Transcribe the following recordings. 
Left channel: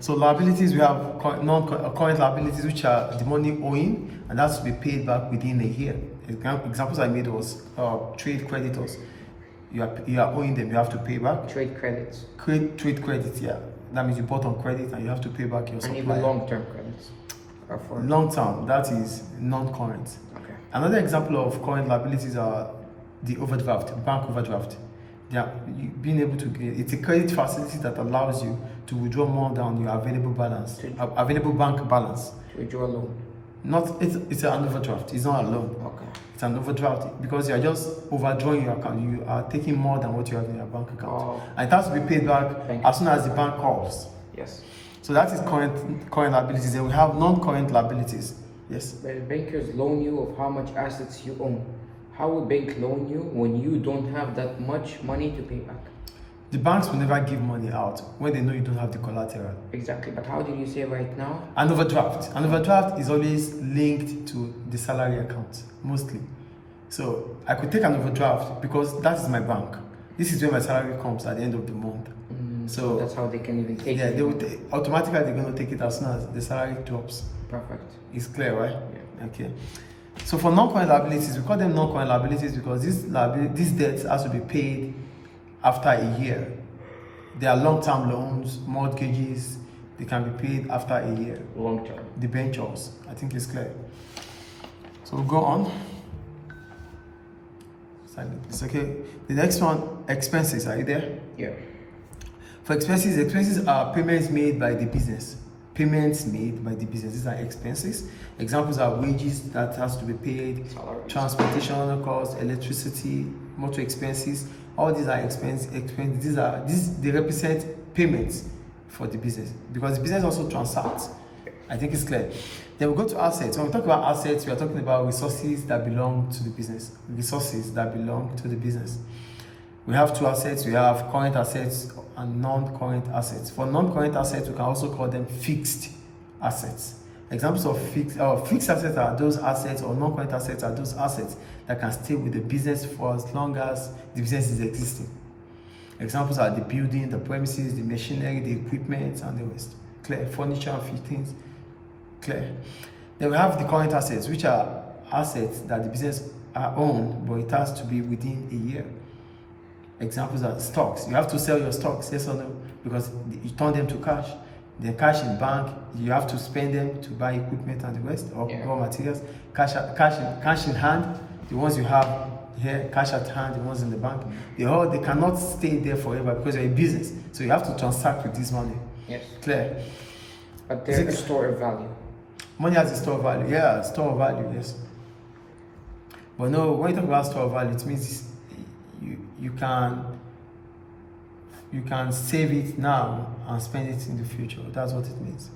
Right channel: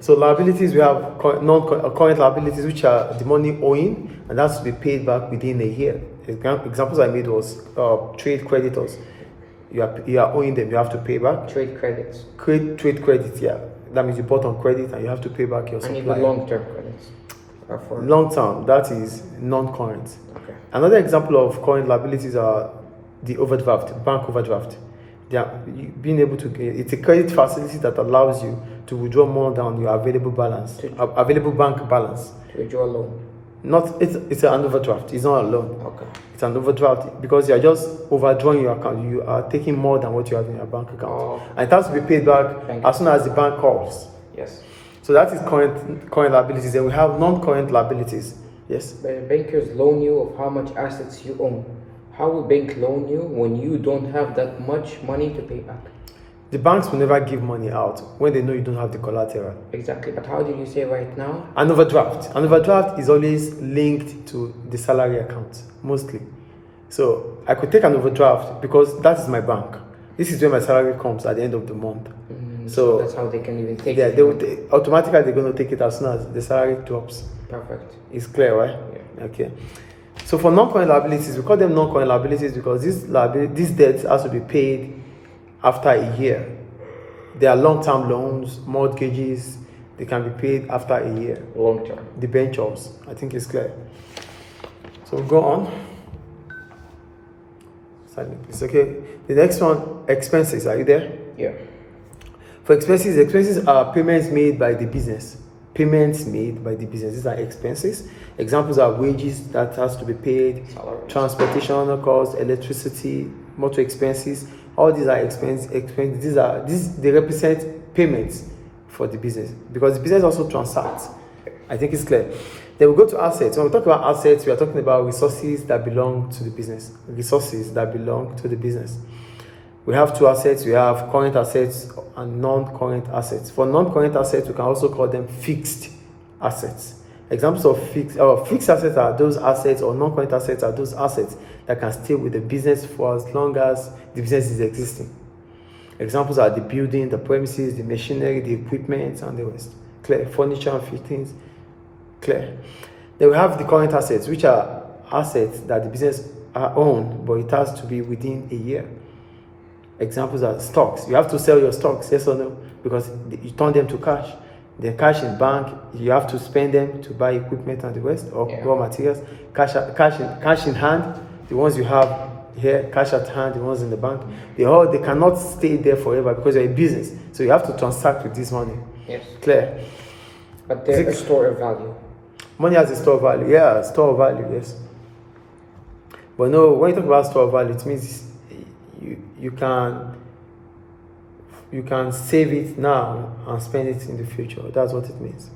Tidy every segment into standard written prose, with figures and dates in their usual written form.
So liabilities, we have non-current liabilities, which are the money owing, and that's to be paid back within a year. Examples I made was trade creditors. You are owing them, you have to pay back. Trade credits. Trade credit, yeah. That means you bought on credit and you have to pay back your supplier. And even long-term credits. Long-term, that is non-current. Okay. Another example of current liabilities are the overdraft, bank overdraft. Being able to, it's a credit facility that allows you to withdraw more than your available balance, available bank balance. To withdraw a loan. It's an overdraft. It's not a loan. Okay. It's an overdraft because you are just overdrawing your account. You are taking more than what you have in your bank account, and it has to be paid back as soon as the bank calls. Yes. So that is current liabilities. Then we have non-current liabilities. Yes. When bankers loan you of how much assets you own, how will bank loan you when you don't have that much money to pay back? The banks will never give money out when they know you don't have the collateral. Exactly, but how did you say right now? An overdraft. An overdraft is always linked to the salary account, mostly. So I could take an overdraft because that is my bank. This is where my salary comes at the end of the month. So that's how they can even take it. Yeah, automatically they're going to take it as soon as the salary drops. Perfect. It's clear, right? Yeah. Okay. So for non-current liabilities, we call them non-current liabilities because these debts has to be paid after a year. They are long-term loans, mortgages. They can be paid after a year. Long-term. Debentures. I think it's clear. So we'll go on. It's okay. The next one, expenses. Are you there? Yeah. For expenses are payments made by the business. Payments made by the business. These are expenses. Examples are wages that has to be paid, transportation costs, electricity, motor expenses. All these are expenses. They represent payments for the business because the business also transacts. I think it's clear. Then we go to assets. When we talk about assets, we are talking about resources that belong to the business. Resources that belong to the business. We have two assets. We have current assets and non-current assets. For non-current assets, we can also call them fixed assets. Examples of fixed assets are those assets, or non-current assets are those assets that can stay with the business for as long as the business is existing. Examples are the building, the premises, the machinery, the equipment, and the rest. Clear. Furniture and fittings. Clear. Then we have the current assets, which are assets that the business own, but it has to be within a year. Examples are stocks. You have to sell your stocks, yes or no? Because you turn them to cash. Then cash in bank, you have to spend them to buy equipment and the rest, or raw materials. Cash in hand, the ones you have here, cash at hand, the ones in the bank. They cannot stay there forever because you're a business. So you have to transact with this money. Yes. Clear? But they're a store of value. Money has a store of value. Yeah, store of value, yes. But no, when you talk about store of value, it means you can save it now and spend it in the future. That's what it means.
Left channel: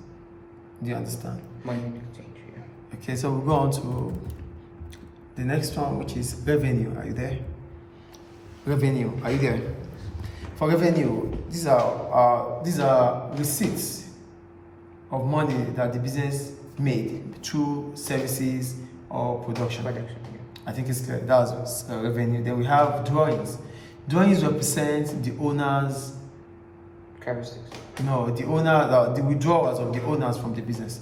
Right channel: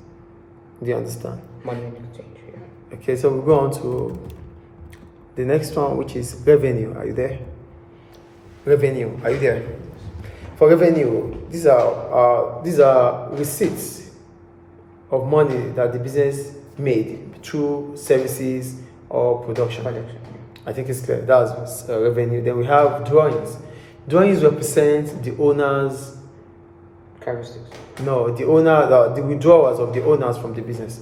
Do you understand? Money exchange, yeah. Okay, so we'll go on to the next one, which is revenue. Are you there? Revenue. Are you there? For revenue, these are receipts of money that the business made through services or production. I think it's clear. That's revenue. Then we have drawings. Drawings represent the owner's characteristics. No, the withdrawals of the owners from the business.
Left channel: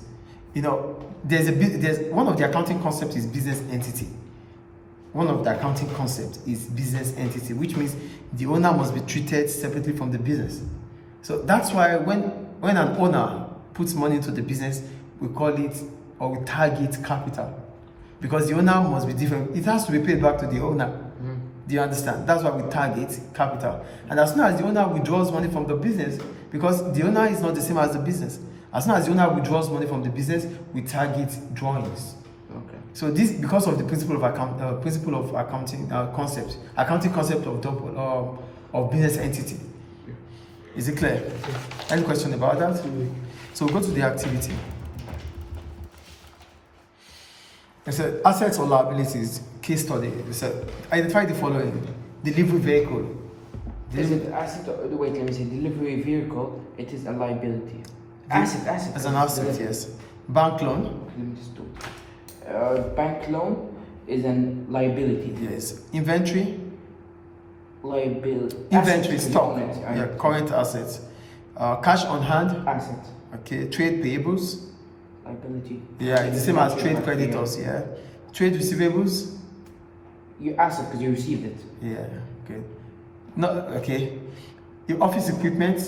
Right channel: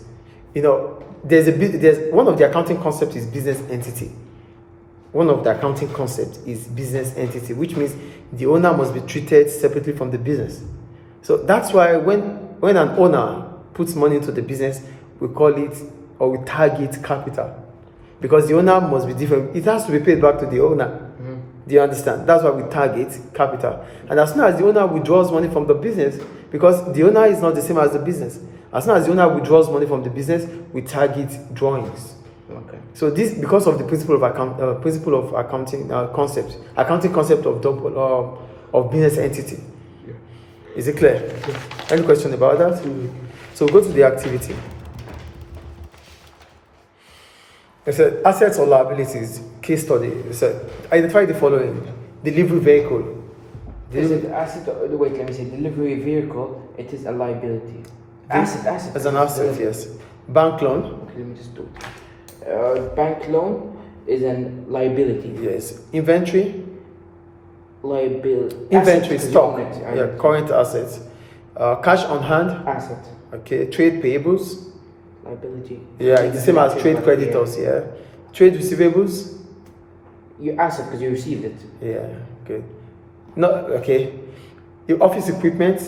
There's one of the accounting concepts is business entity. One of the accounting concepts is business entity, which means the owner must be treated separately from the business. So that's why when an owner puts money into the business, we call it, or we target capital, because the owner must be different. It has to be paid back to the owner. Do you understand? That's why we target capital. And as soon as the owner withdraws money from the business, because the owner is not the same as the business, as soon as the owner withdraws money from the business, we target drawings. Okay. So this, because of the principle of accounting concept of business entity. Is it clear? Any question about that? So go to the activity. It said assets or liabilities, case study. It said identify the following: delivery vehicle. Is it asset? Wait, let me say delivery vehicle. It is a liability. Asset. As an asset, yes. Bank loan. Okay, let me just do it. Bank loan is a liability. Yes. Inventory. Liability. Inventory, asset, stock. current, Yeah, current assets. Cash on hand. Asset. Okay. Trade payables. Liability. Yeah, it's the same as trade creditors. Yeah. Trade receivables. Your asset because you received it. Yeah. Good. No. Okay. Your office equipment.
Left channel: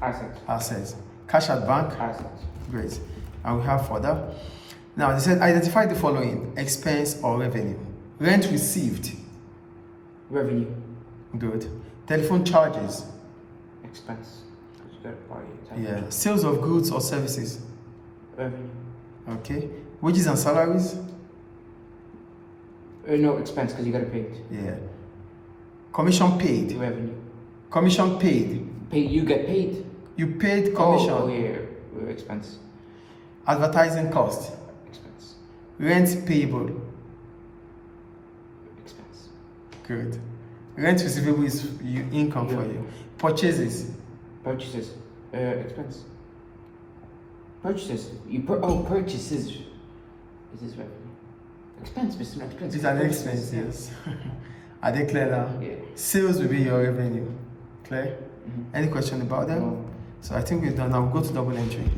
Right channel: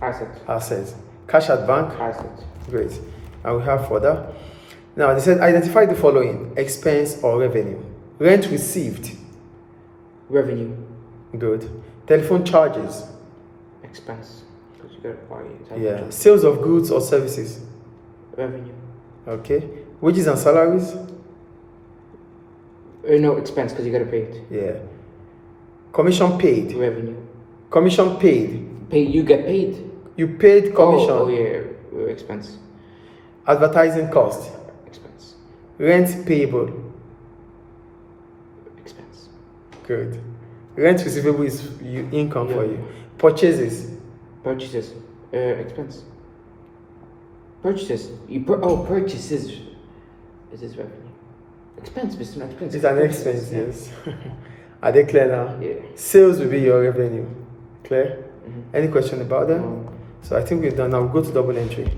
Asset. Assets. Cash at bank. Asset. Great. And we have further. Now they said identify the following: expense or revenue. Rent received. Revenue. Good. Telephone charges. Expense. Because you gotta buy it. Yeah. Sales of goods or services. Revenue. Okay. Wages and salaries. No, expense because you gotta pay it. Yeah. Commission paid. Revenue. Commission paid. Pay. You get paid. You paid commission. Oh yeah. Expense. Advertising cost. Expense. Rent payable. Expense. Good. Rent receivable is income for you. Purchases. Purchases. Expense. Purchases. Purchases. Is this revenue? Expense, Mr. Expense. It's an expense, yes. Are they clear now? Yeah. Sales will be your revenue. Clear? Mhm. Any question about them? No. So I think we're done now. We'll go to double entry.